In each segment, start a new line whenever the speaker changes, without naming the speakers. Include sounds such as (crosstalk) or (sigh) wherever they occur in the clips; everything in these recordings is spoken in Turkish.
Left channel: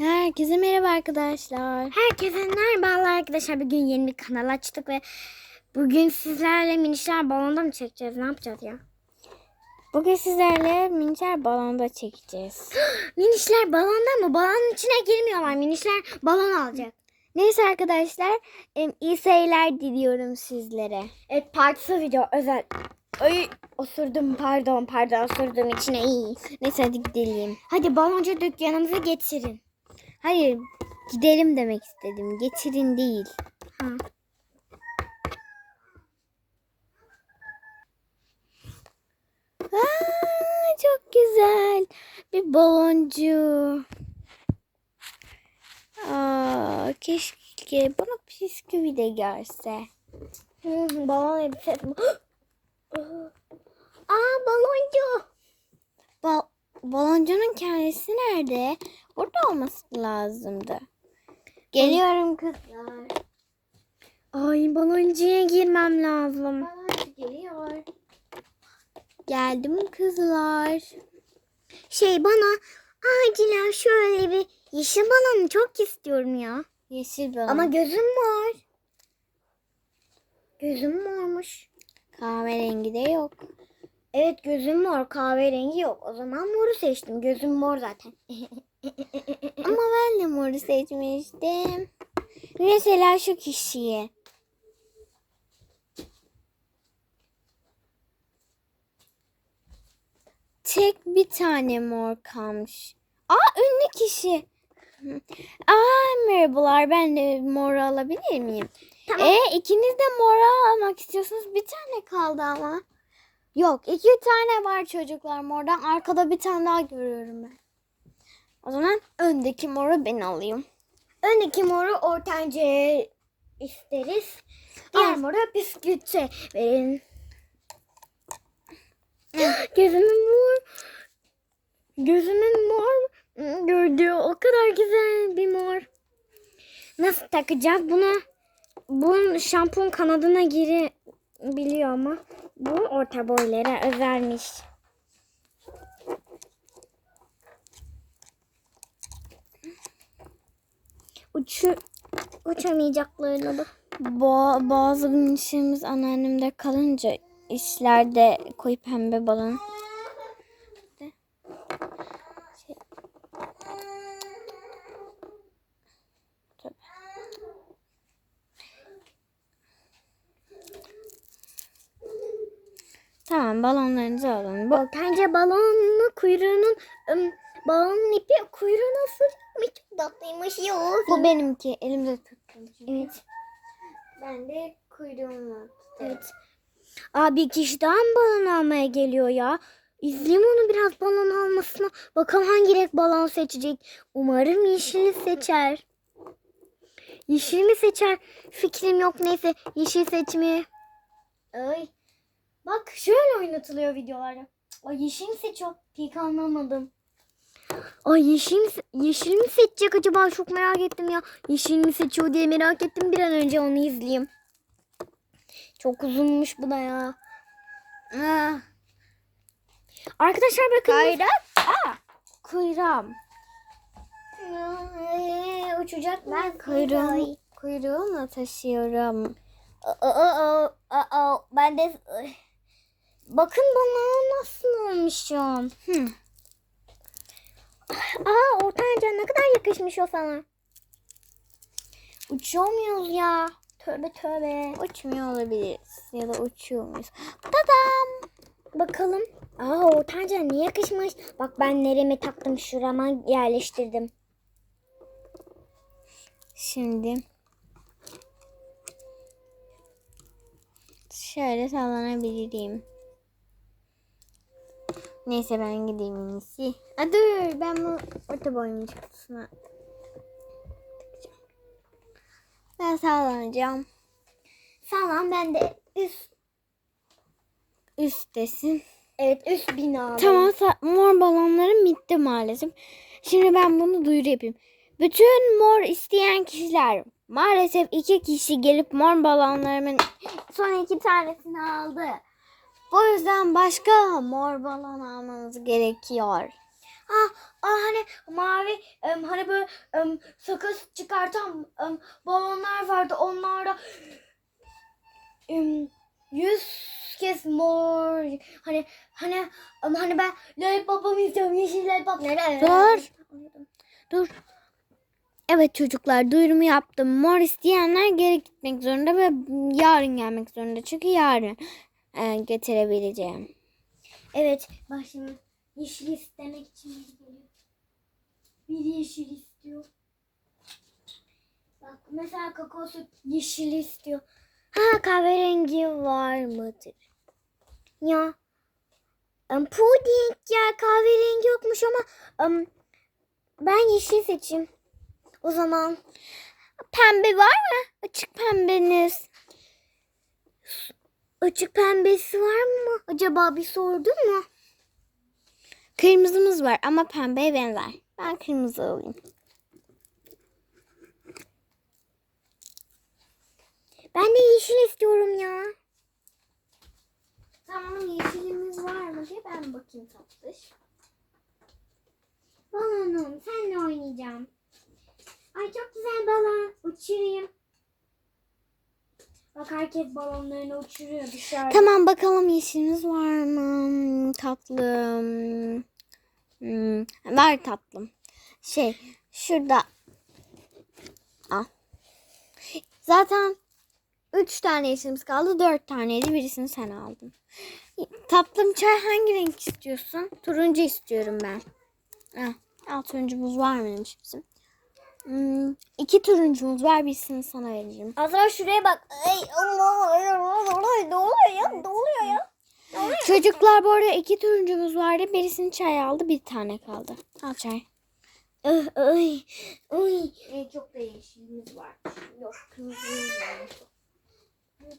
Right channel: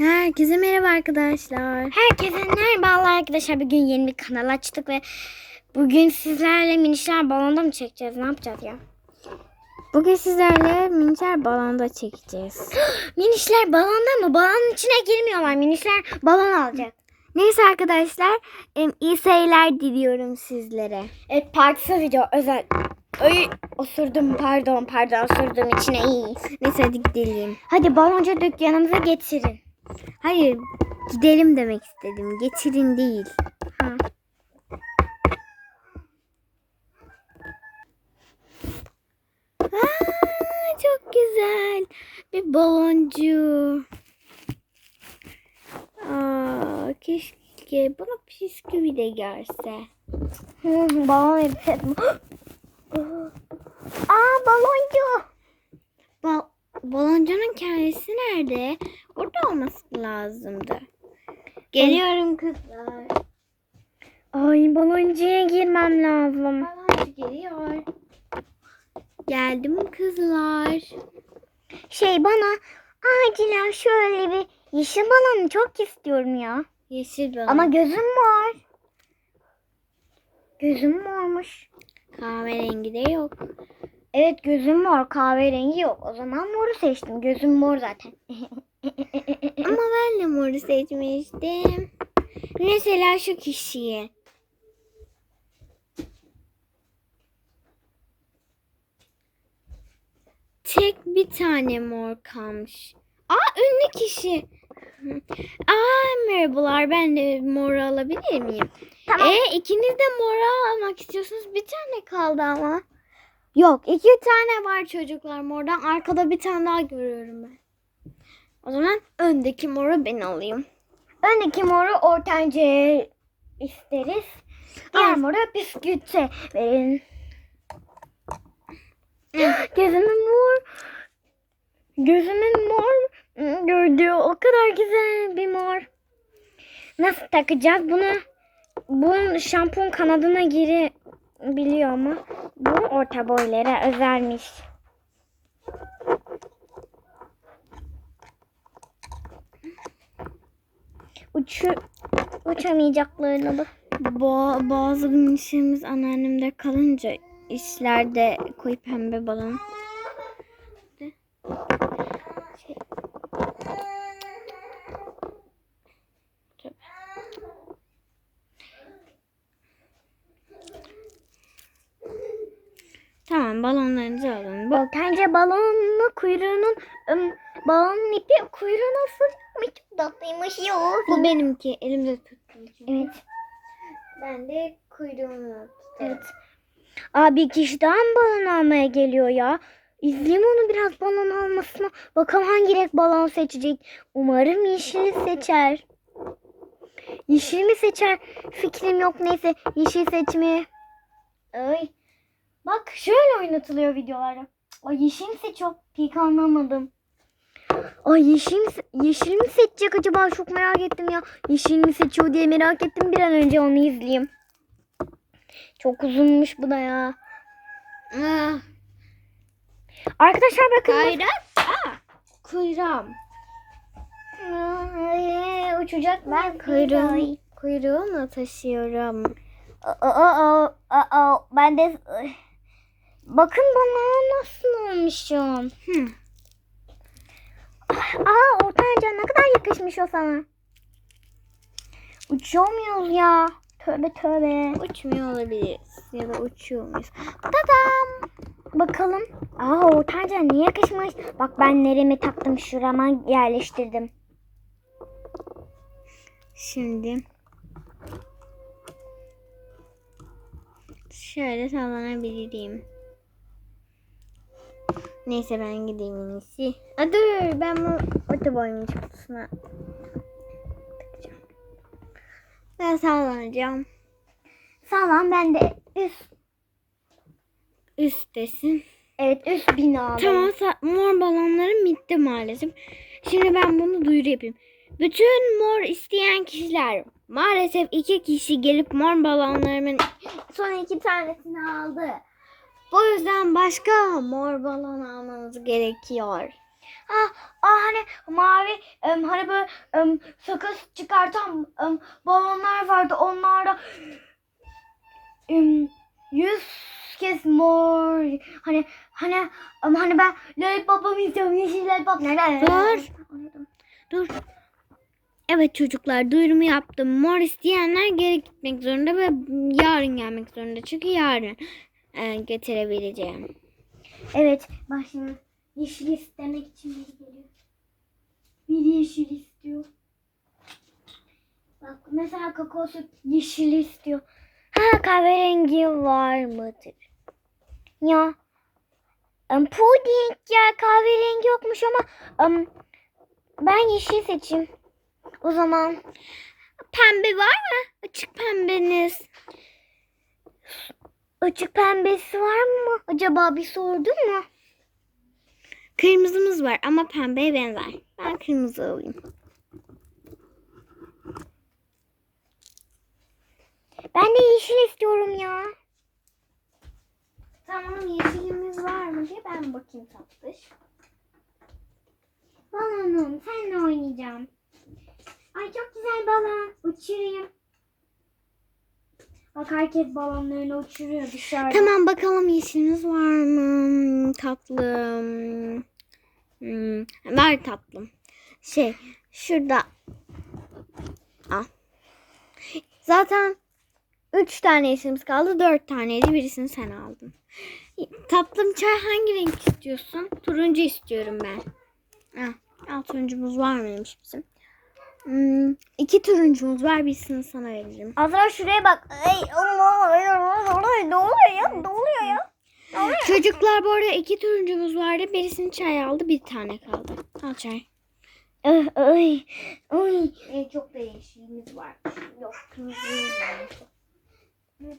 Herkese merhaba arkadaşlar.
Herkese merhaba arkadaşlar. Bugün yeni bir kanal açtık ve bugün sizlerle minişler balonda mı çekeceğiz? Ne yapacağız ya?
Bugün sizlerle minçer balonda çekeceğiz. (gasps)
Minişler balonda mı? Balonun içine girmiyorlar. Minişler balon alacak.
Neyse arkadaşlar iyi seyirler diliyorum sizlere.
Evet partisi video özel. Ay osurdum pardon pardon osurdum içine iyi.
Neyse hadi gidelim.
Hadi baloncu dükkanımıza getirin.
Hayır gidelim demek istedim. Getirin değil.
Ha.
Aa, çok güzel. Bir baloncu. Aa, keşke bana bisküvi de gelse.
Hı, balon edeceğiz. (gasps) Aa baloncu.
Bal baloncunun kendisi nerede? Orada olması lazımdı. Geliyorum kızlar.
Ay baloncuya girmem lazım.
Baloncu geliyor. Geldim kızlar.
Şey bana acilen şöyle bir yeşil balonu çok istiyorum ya.
Yeşil balon.
Ama gözüm mor. Gözüm mormuş.
kahverengi de yok.
Evet gözüm mor kahverengi yok. O zaman moru seçtim. Gözüm mor zaten. (laughs)
Ama ben de moru seçmiştim. Mesela şu kişiye. Tek bir tane mor kalmış. Aa ünlü kişi. Aa merhabalar ben de mor alabilir miyim?
Tamam.
E ikiniz de mora almak istiyorsunuz. Bir tane kaldı ama. Yok iki tane var çocuklar mordan. Arkada bir tane daha görüyorum ben. O zaman öndeki moru ben alayım.
Öndeki moru ortancaya isteriz. Diğer
Al.
moru bisküvite verin. Gözümün mor. Gözümün mor gördüğü o kadar güzel bir mor. Nasıl takacağız bunu? Bu şampun kanadına giri biliyor ama bu orta boylara özelmiş. Uçu, uçamayacaklarını da.
Ba- bazı işlerimiz anneannemde kalınca işlerde koyu pembe balon. Tamam balonlarınızı alın.
Bence balonun kuyruğunun balonun ipi kuyruğuna fırlamış. Tatlıymış ya.
Bu benimki. Elimde tuttum.
Evet.
Ben de kuyruğunu
Evet. Abi bir kişi daha mı balon almaya geliyor ya? İzleyeyim onu biraz balon almasına. Bakalım hangi renk balon seçecek. Umarım yeşili seçer. Yeşil mi seçer? Fikrim yok neyse. Yeşil seçmeye. Ay. Bak şöyle oynatılıyor videolarda. Ay yeşil mi seçiyor? Pek anlamadım. Ay yeşil mi, yeşil mi seçecek acaba? Çok merak ettim ya. Yeşil mi seçiyor diye merak ettim. Bir an önce onu izleyeyim. Çok uzunmuş bu da ya.
Ah,
Arkadaşlar bakın. bu-
Kayra. Aa, kuyruğum.
Ay, uçacak ben
Kuyruğum, kuyruğumla taşıyorum.
Aa, ben de bakın bana nasıl olmuşum.
Hı.
Aa ortanca ne kadar yakışmış o sana. Uçuyor muyuz ya? Tövbe tövbe.
Uçmuyor olabiliriz. Ya da uçuyor muyuz?
Tadam. Bakalım. Aa ortanca ne yakışmış. Bak ben nereme taktım şurama yerleştirdim.
Şimdi şöyle sallanabilirim. Neyse ben gideyim en iyisi. Aa, dur ben bu orta boyun kutusuna takacağım. Ben sallanacağım.
Sağlam ben de üst.
Üsttesin.
Evet üst binada.
Tamam mor balonlarım bitti maalesef. Şimdi ben bunu duyuru yapayım. Bütün mor isteyen kişiler maalesef iki kişi gelip mor balonlarımın son iki tanesini aldı. Bu yüzden başka mor balon almanız gerekiyor.
Ah, ah hani mavi em, hani böyle em, sakız çıkartan em, balonlar vardı. Onlarda em, yüz kez mor. Hani hani em, hani ben lollipop'umu istiyorum. Yeşil lollipop. Nerede?
Dur. Dur. Evet çocuklar duyurumu yaptım. Mor isteyenler geri gitmek zorunda ve yarın gelmek zorunda. Çünkü yarın e, getirebileceğim.
Evet. Şimdi yeşil istemek için biri geliyor. Biri yeşil istiyor. Bak mesela kakao yeşil istiyor. Ha kahverengi var mıdır? Ya em, puding ya kahverengi yokmuş ama em, ben yeşil seçeyim. O zaman
Pembe var mı? Açık pembeniz.
Açık pembesi var mı? Acaba bir sordun mu?
Kırmızımız var ama pembeye benzer. Ben kırmızı alayım.
Ben de yeşil istiyorum ya. Tamam yeşilimiz var mı diye ben bakayım tatlış. Balonum seninle oynayacağım. Ay çok güzel balon. Uçurayım. Bak herkes balonlarını uçuruyor dışarıda.
Tamam bakalım yeşiliniz var mı? Tatlım. Hmm, ver tatlım. Şey şurada. Al. Zaten üç tane yeşilimiz kaldı. Dört taneydi. Birisini sen aldın. Tatlım çay hangi renk istiyorsun? Turuncu istiyorum ben. Al, al turuncumuz var mıymış bizim? Hmm, iki turuncumuz var. Birisini sana veririm.
Azra şuraya bak. Ay Allah ne oluyor ya? Ne oluyor ya?
Çocuklar bu arada iki turuncumuz vardı. Birisini çay aldı. Bir tane kaldı. Al çay.
Ay ay. ay. Çok da yeşilimiz var. Yok kırmızımız var. Evet.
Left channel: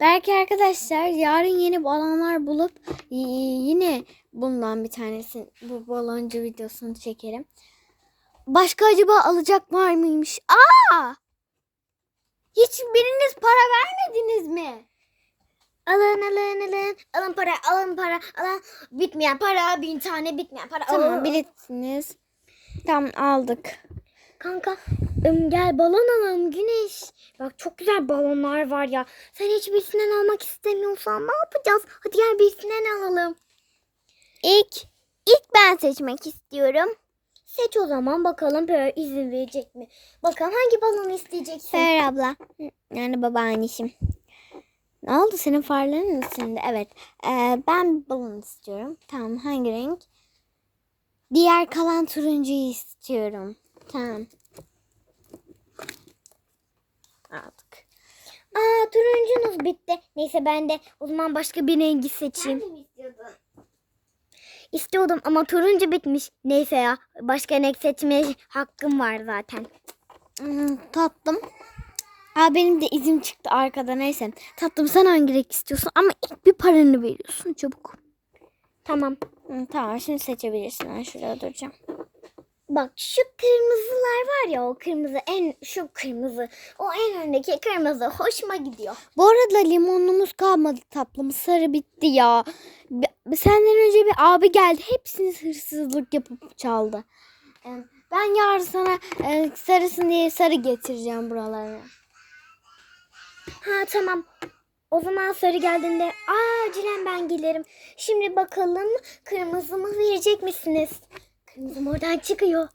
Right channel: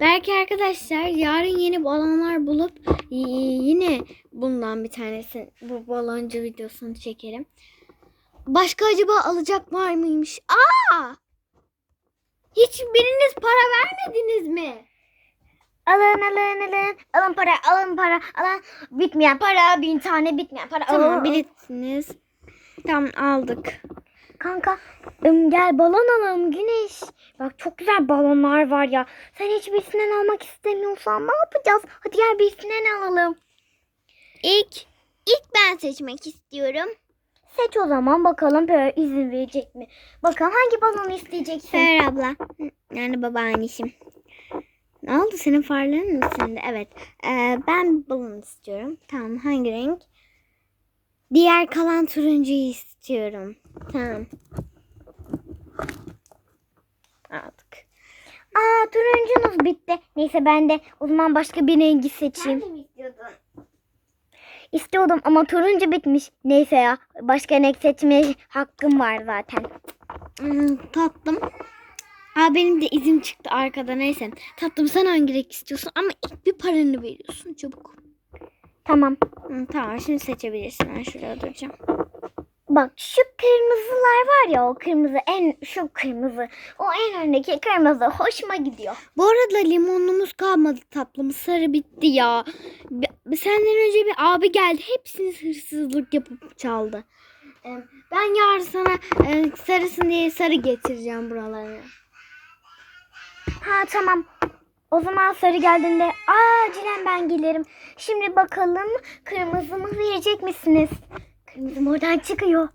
Belki arkadaşlar yarın yeni balonlar bulup yine bundan bir tanesi bu baloncu videosunu çekerim. Başka acaba alacak var mıymış? Aa! Hiçbiriniz para vermediniz mi?
Alın alın alın. Alın para alın para alın. Bitmeyen para bin tane bitmeyen para.
Tamam
Aa.
bilirsiniz. Tamam aldık.
Kanka gel balon alalım Güneş. Bak çok güzel balonlar var ya. Sen hiçbirisinden almak istemiyorsan ne yapacağız? Hadi gel birisinden alalım.
İlk ilk ben seçmek istiyorum.
Seç o zaman bakalım böyle izin verecek mi? Bakalım hangi balonu isteyeceksin?
Seher abla. Yani babaannişim. Ne oldu senin farların silindi? Evet. Ee, ben balon istiyorum. Tamam hangi renk? Diğer kalan turuncuyu istiyorum. Tamam. Aldık.
Aa turuncunuz bitti. Neyse ben de o zaman başka bir rengi seçeyim.
mi istiyordun?
İstiyordum ama turuncu bitmiş. Neyse ya başka renk seçmeye hakkım var zaten.
Hmm, tatlım. Aa, benim de izim çıktı arkada neyse. Tatlım sen hangi renk istiyorsun? Ama ilk bir paranı veriyorsun çabuk.
Tamam.
Hı, tamam şimdi seçebilirsin. Ben şuraya duracağım.
Bak şu kırmızılar var ya o kırmızı en şu kırmızı o en öndeki kırmızı hoşuma gidiyor.
Bu arada limonumuz kalmadı tatlım. Sarı bitti ya. Senden önce bir abi geldi. Hepsini hırsızlık yapıp çaldı. Ben yarın sana e, sarısın diye sarı getireceğim buralara.
Ha tamam. O zaman sarı geldiğinde acilen ben gelirim. Şimdi bakalım kırmızımı verecek misiniz? Kırmızım oradan çıkıyor.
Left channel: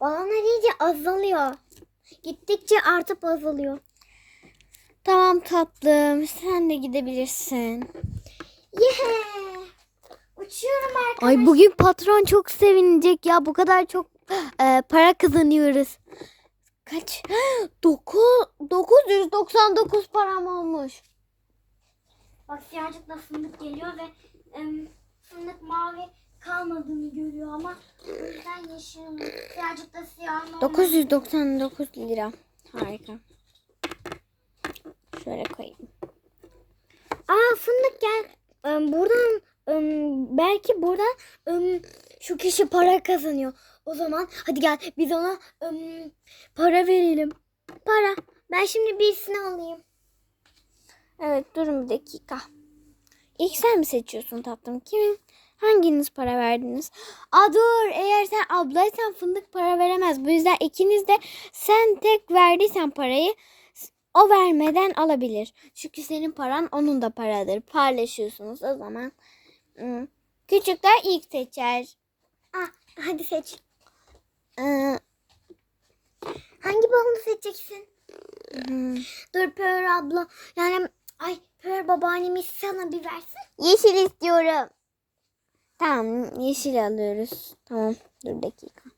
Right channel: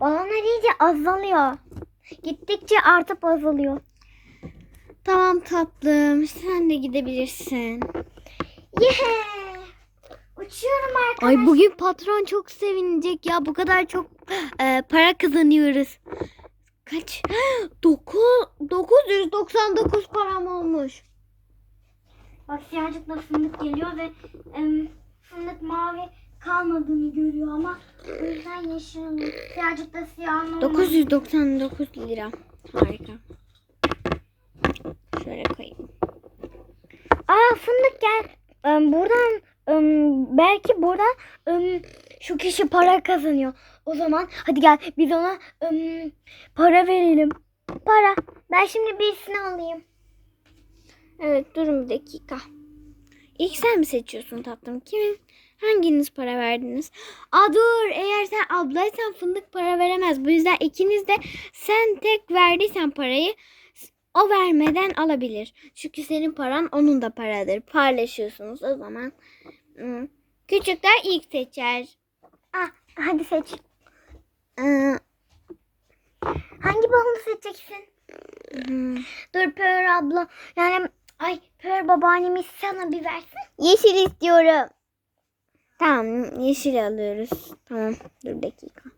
Balonlar iyice azalıyor. Gittikçe artıp azalıyor.
Tamam tatlım. Sen de gidebilirsin.
Yeah! Uçuyorum arkadaşlar.
Ay bugün patron çok sevinecek ya. Bu kadar çok e, para kazanıyoruz. Kaç? (gasps) 9 999 param olmuş.
Bak siyahcıkla fındık geliyor ve em, fındık mavi kalmadığını görüyor ama o yüzden yeşil alıyor. Siyahcıkla siyah normal.
999 lira. Harika. Şöyle koyayım.
Aa fındık gel. Em, buradan em, belki buradan em, şu kişi para kazanıyor. O zaman hadi gel biz ona em, para verelim. Para. Ben şimdi birisini alayım.
Evet durun bir dakika. İlk sen mi seçiyorsun tatlım? Kimin? Hanginiz para verdiniz? Aa dur eğer sen ablaysan fındık para veremez. Bu yüzden ikiniz de sen tek verdiysen parayı o vermeden alabilir. Çünkü senin paran onun da paradır. Paylaşıyorsunuz o zaman. hmm, Küçükler ilk seçer.
Ah, hadi seç.
Ee,
Hangi balonu seçeceksin?
hmm,
Dur Pör abla. Yani ay Pör babaannemiz sana bir versin.
Yeşil istiyorum. Tamam yeşil alıyoruz. Tamam dur dakika.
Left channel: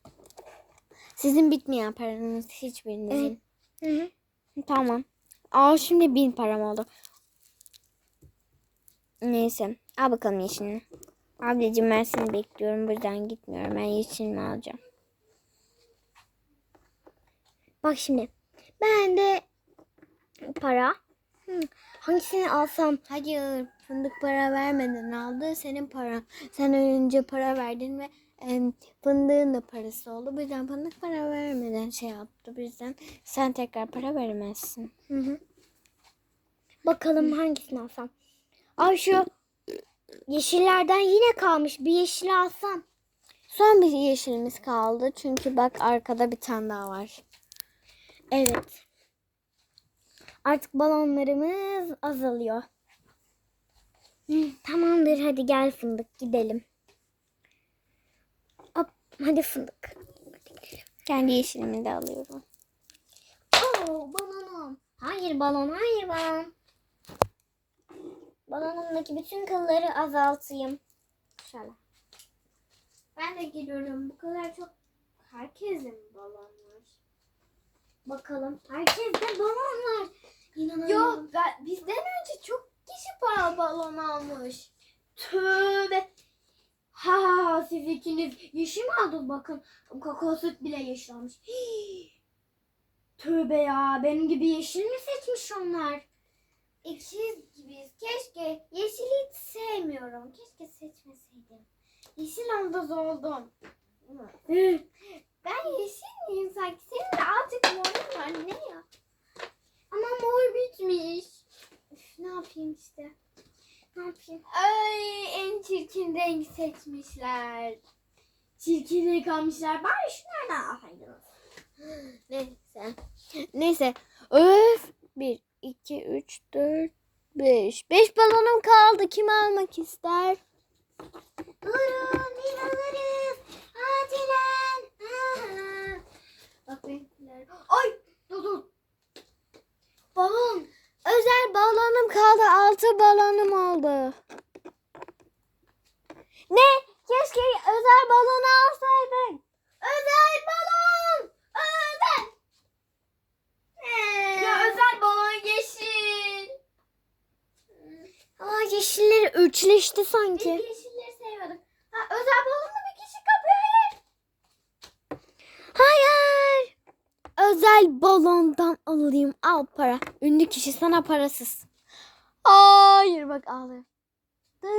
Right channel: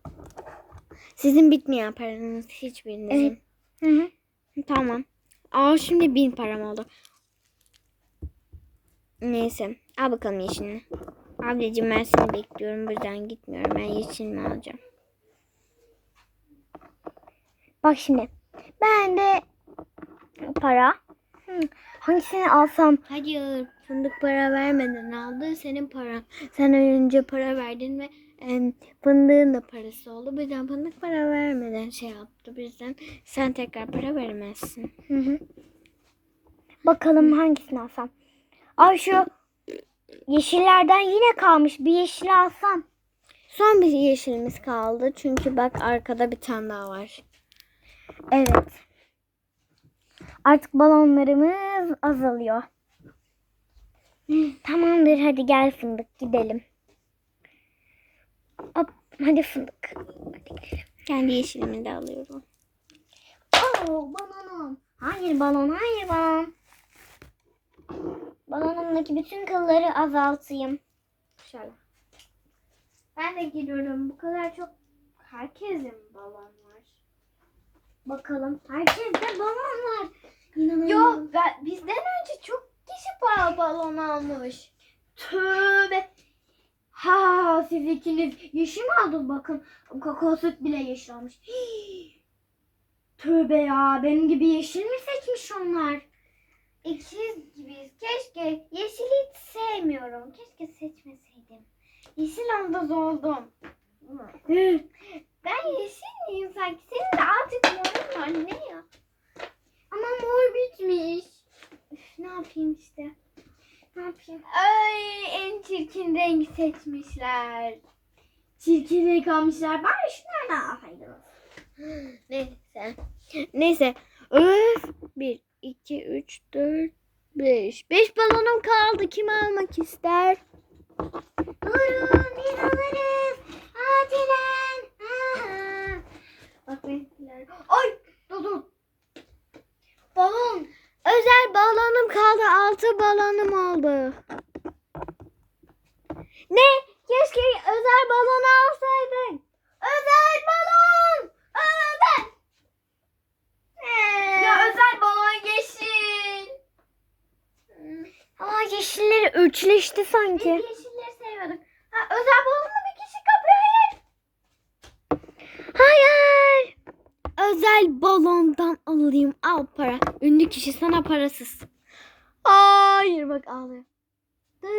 Sizin bitmeyen paranız hiçbirinizin.
Hı hı.
Tamam. Aa şimdi bin param oldu. Neyse. Al bakalım yeşilini. Ablacığım ben seni bekliyorum. Bu yüzden gitmiyorum. Ben yeşilini alacağım.
Bak şimdi. Ben de para. Hı, Hangisini alsam?
Hayır. Fındık para vermeden aldı. Senin paran. Sen önce para verdin ve em, fındığın da parası oldu. Bu yüzden fındık para vermeden şey yaptı. Bu yüzden sen tekrar para veremezsin.
Hı hı. Bakalım hangisini alsam. Ay şu yeşillerden yine kalmış. Bir yeşil alsam.
Son bir yeşilimiz kaldı. Çünkü bak arkada bir tane daha var.
Evet. Artık balonlarımız azalıyor. Tamamdır hadi gel fındık gidelim. Hop, hadi fındık.
Kendi yeşilimi de alıyorum.
Oo, balonum. Hayır balon, hayır balon. Balonumdaki bütün kılları azaltayım.
Şöyle. Ben de geliyorum. Bu kadar çok herkesin balon var.
Bakalım. Herkes de balon var. İnanamıyorum.
Yok ben, bizden önce çok kişi ba- balon almış.
Tövbe. Ha siz ikiniz yeşil mi aldınız bakın. Kakao süt bile yeşil almış. Hii. (gasps) Tövbe ya benim gibi yeşil mi seçmiş onlar?
İkiz gibiyiz. Keşke yeşili hiç sevmiyorum. Keşke seçmeseydim. Yeşil anda oldum. Ben yeşil miyim sanki? Senin de azıcık morun var ne ya?
Ama mor bitmiş.
Üf, ne yapayım işte.
Ne yapayım?
Ay en çirkin rengi seçmişler.
Çirkinliği kalmışlar. Bari şunlardan alsaydınız.
Neyse. Neyse. Öf. 1, 2, 3, 4, 5. 5 balonum kaldı. Kim almak ister?
Buyurun biz alırız. Acilen. Aha.
Bak benimkiler. Ay dur dur. Balon. Özel balonum kaldı. 6 balonum oldu. Ne? Keşke özel balon alsaydık. Özel balon. Özel.
Ya
özel balon yeşil.
Aa yeşilleri üçleşti sanki.
yeşilleri seviyorduk. Ha, özel balonla bir kişi kapıyor.
Hayır.
Özel balondan alayım. Al para. Ünlü kişi sana parasız. Hayır bak ağlıyor. (laughs)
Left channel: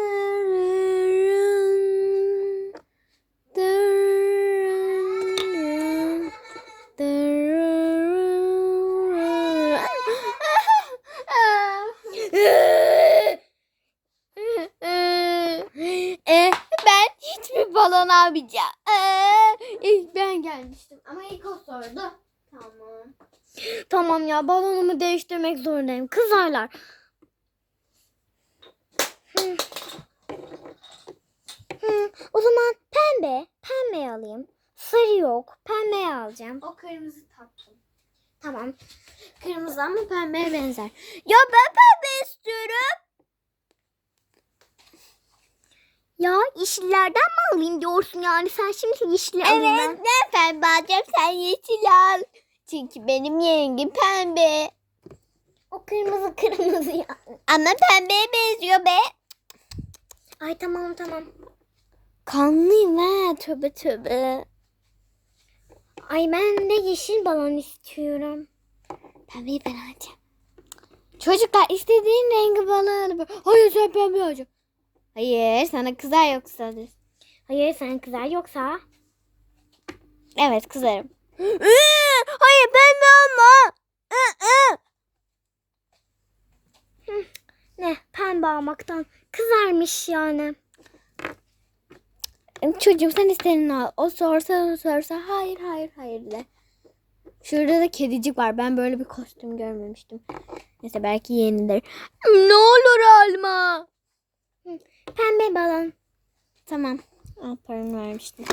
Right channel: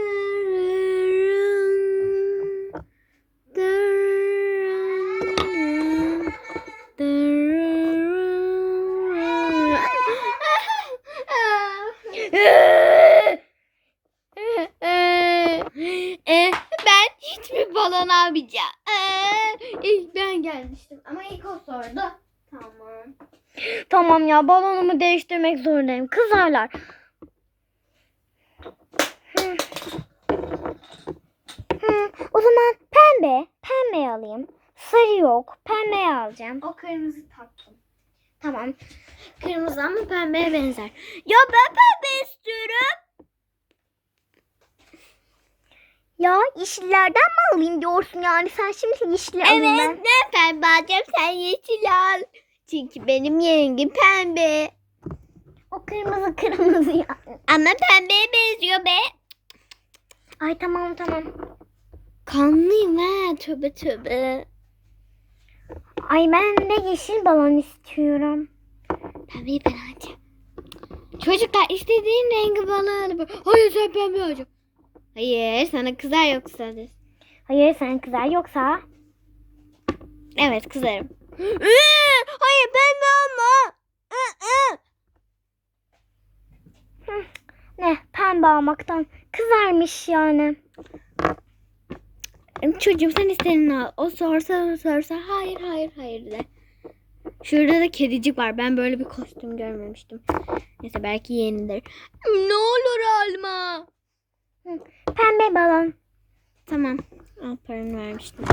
e, ben hiçbir balon almayacağım. E, ilk ben gelmiştim ama ilk o sordu. Tamam.
Tamam ya balonumu değiştirmek zorundayım. Kızarlar. Hı. Hı, O zaman pembe. Pembe alayım. Sarı yok. Pembe alacağım.
O kırmızı tatlım.
Tamam.
Kırmızı ama pembeye benzer. Ya ben pembe istiyorum.
Ya yeşillerden mi alayım diyorsun yani? Sen şimdi yeşili alayım ben.
Evet ben pembe alacağım sen yeşil al. Çünkü benim yengim pembe.
O kırmızı kırmızı ya.
Ama pembeye benziyor be.
Ay tamam tamam.
Kanlıyım ha tövbe tövbe.
Ay ben de yeşil balon istiyorum.
Pembeyi ben alacağım. Çocuklar istediğin rengi bana al. Hayır sen pembe alacağım. Hayır sana kızar yoksa.
Hayır sen kızar yoksa.
Evet kızarım. Hayır pembe olma.
Ne pembe almaktan kızarmış yani.
Çocuğum sen istediğini al. O sorsa o sorsa hayır hayır hayır de. Şurada da kedicik var. Ben böyle bir kostüm görmemiştim. Neyse belki yenidir. Ne olur alma.
Pembe balon.
Tamam. Al paranı vermiştim.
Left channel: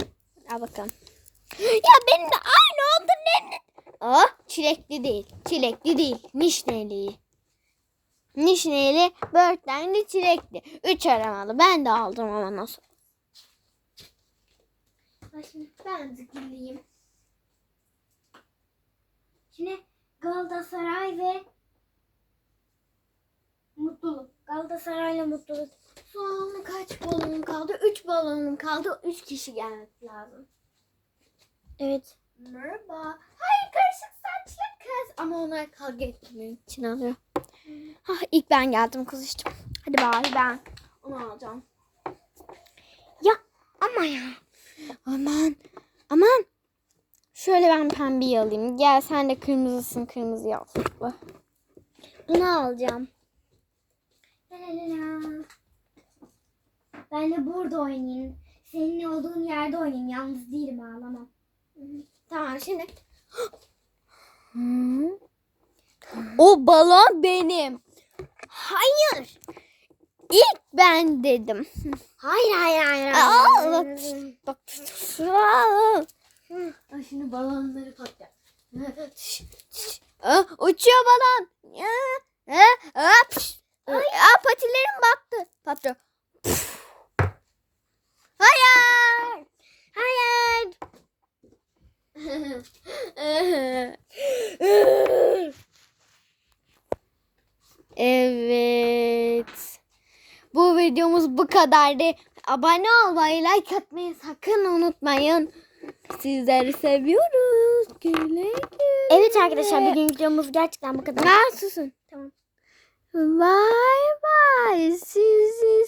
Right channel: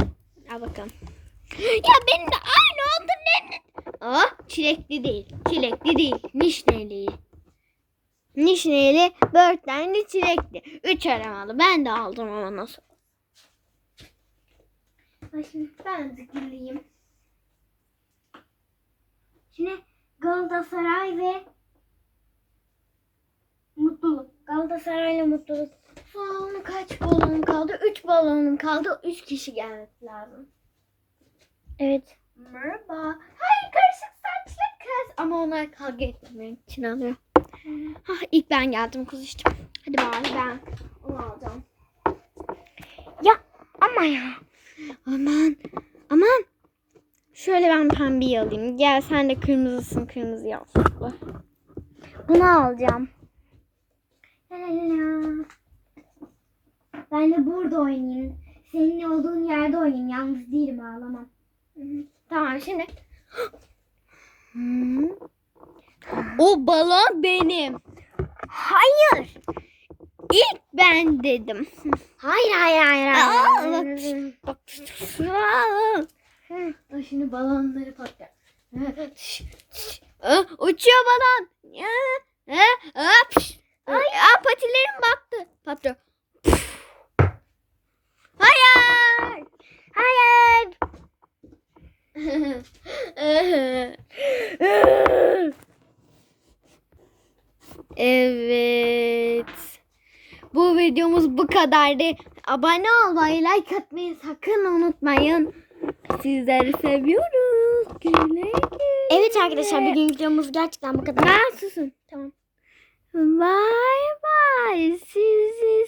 Al bakalım. Ya benim de aynı oldu ne? Oh çilekli değil. Çilekli değil. Nişneli. Nişneli, börtlenli, çilekli. Üç aramalı. Ben de aldım ama nasıl?
Şimdi ben güleyim. Şimdi Galatasaray ve mutluluk. Galatasaray'la mutluluk.
Son kaç balonum kaldı? Üç balonum kaldı. Üç kişi gelmesi lazım.
Evet.
Merhaba. Hayır karışık saçlı kız. Ama onlar kavga etmemek için alıyor. Ah, ilk ben geldim kuzuştum. Hadi bari ben onu alacağım.
Ya ama ya.
Aman aman. Şöyle ben pembeyi alayım. Gel sen de kırmızısın kırmızı yaptıklı.
Bunu alacağım. La la la la. Ben de burada oynayayım. Senin olduğun yerde oynayayım. Yalnız değilim ağlamam.
Tamam şimdi. O balon benim.
Hayır.
İlk ben dedim.
Hayır hayır hayır.
Aa,
hayır.
Bak. Aa. Ay, Şimdi balonları patlar. Uçuyor balon. Aa, patilerim battı. Patlıyor. Hayır.
Hayır.
evet. Bu videomuz bu kadardı. Abone olmayı, like atmayı sakın unutmayın. Sizleri seviyoruz. Güle güle.
Evet arkadaşlar bugün videomuz gerçekten bu kadar.
Ya susun.
Tamam.
Bye bye. See